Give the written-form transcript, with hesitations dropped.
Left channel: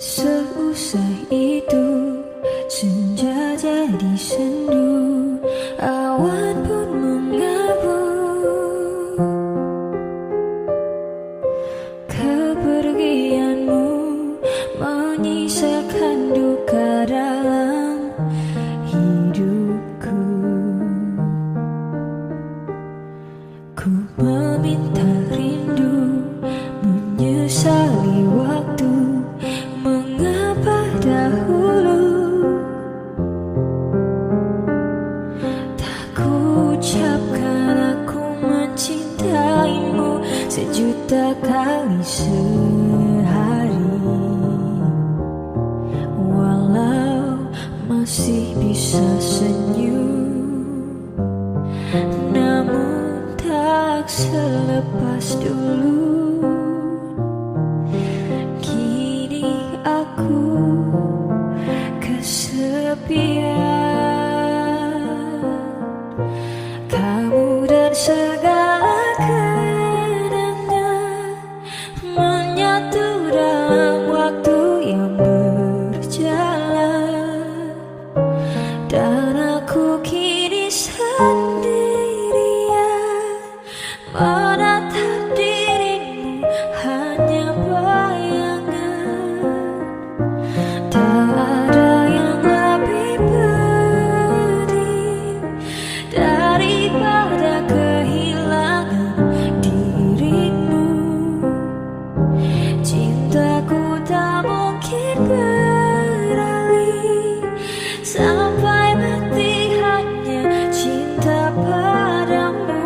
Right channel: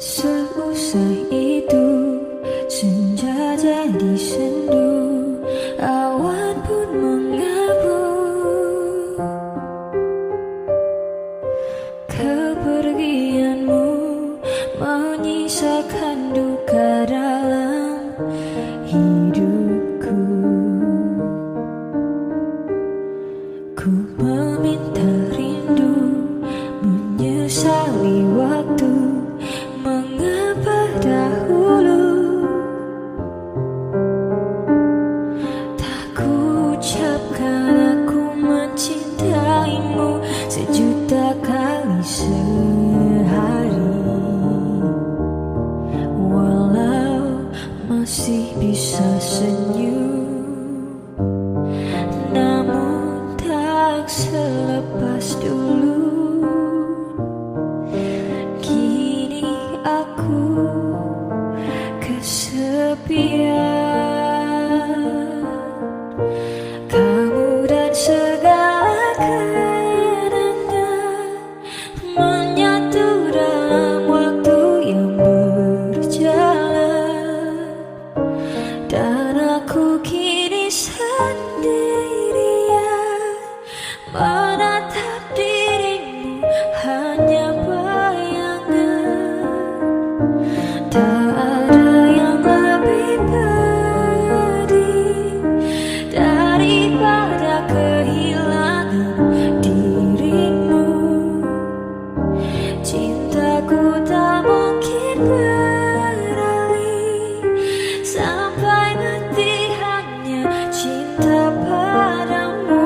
Seusai itu senja jadi sendu, awan pun mengabu. Kepergianmu menyisakan duka dalam hidupku. Ku meminta rindu, menyesali waktu, mengapa dahulu tak ku ucapkan aku mencintaimu sejuta kali sehari. Walau masih bisa senyum, namun tak selepas dulu. Kini aku kesepian, kamu dan segala kenangan menyatu dalam waktu yang berjalan. Dan aku kini sendirian menatap dirimu, hanya bayangan. Tak ada yang lebih pedih daripada kehilangan dirimu. Cintaku tak mungkin beralih, sampai mati hanya cinta padamu.